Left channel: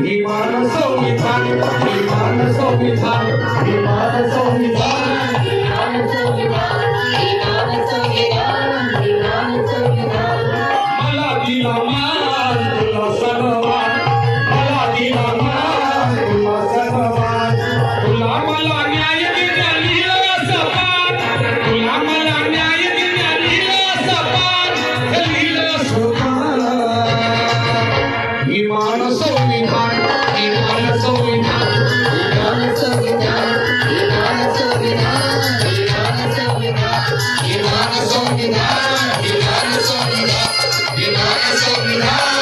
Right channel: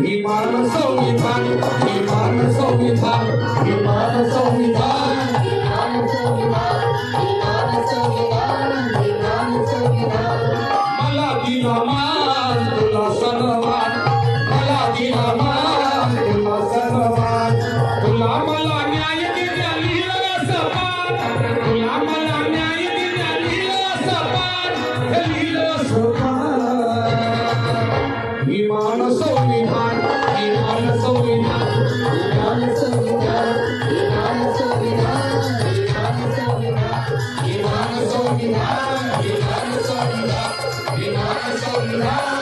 你把它送一餐，你把它送一餐，你把它送一餐。Yeah.